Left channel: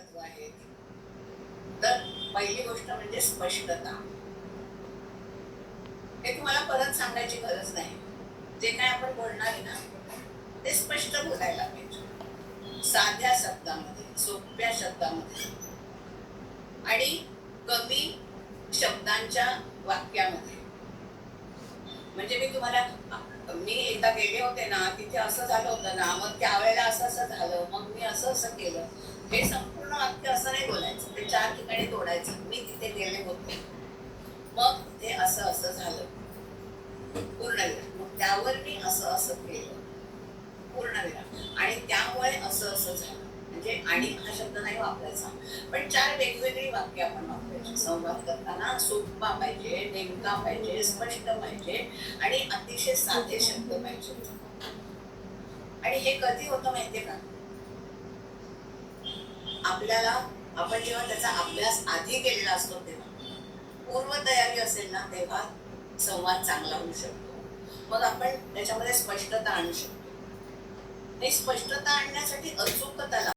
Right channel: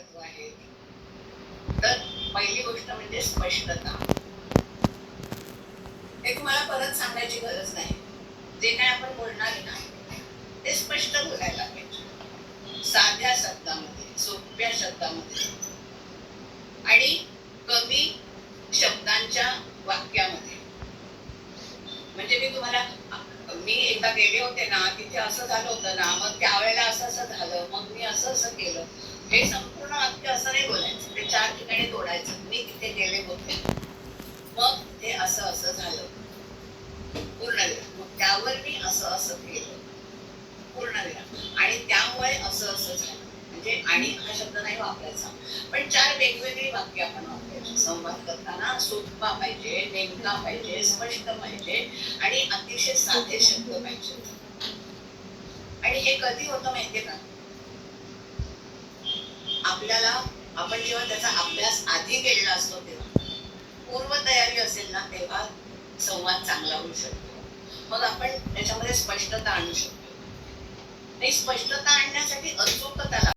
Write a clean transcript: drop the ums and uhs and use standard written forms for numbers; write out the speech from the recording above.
तत्व आहेत. तर पहिली गोष्ट म्हणजे स्पष्टता. हे तुम्हाला परत सांगायची गरज नाही. जे काही आपण बोलणार आहे ना, ते स्पष्ट बोलायला पाहिजे. साध्या शब्दामध्ये, सोप्या शब्दामध्ये आणि कमी शब्दांच्या वाक्यामध्ये. म्हणजे मी तुम्हाला मी एकदा गेले होते ना, तिथे असं झालं होतं ना, मग त्यावेळेला असं-असं झालं, मग मी असं-असं केलं. हे संपूर्ण वाक्य असं नाही बोलायचं. ते 4 ठिकाणी तोडायचं. मी तिथे गेले होते. मग ते असं-असं झालं. पूर्णविराम. मग त्यावर मी असं-असं केलं. पूर्णविराम. आणि त्यामुळे असं-असं झालं. म्हणजे आणि हा शब्द नाही वापरायचा. पण 4 वेगवेगळी वाक्य आपण वापरायची. संवाद करताना सोपा पाहिजे, नेमका पाहिजे, स्पष्ट पाहिजे आणि अतिशय साधे शब्द पाहिजेत. आणि हे कधी होतं माहितीये का? आपल्याला आपण जेव्हा त्याचा अभ्यास आधी केलेला असतो तेव्हा. पूर्वतयारी असेल ना, तेव्हा संवाद चांगला होऊ शकतो. मग आपण त्याच्यामध्ये स्पष्टता आणू शकतो. आणि स्पष्टता आणण्यासाठी अचूकता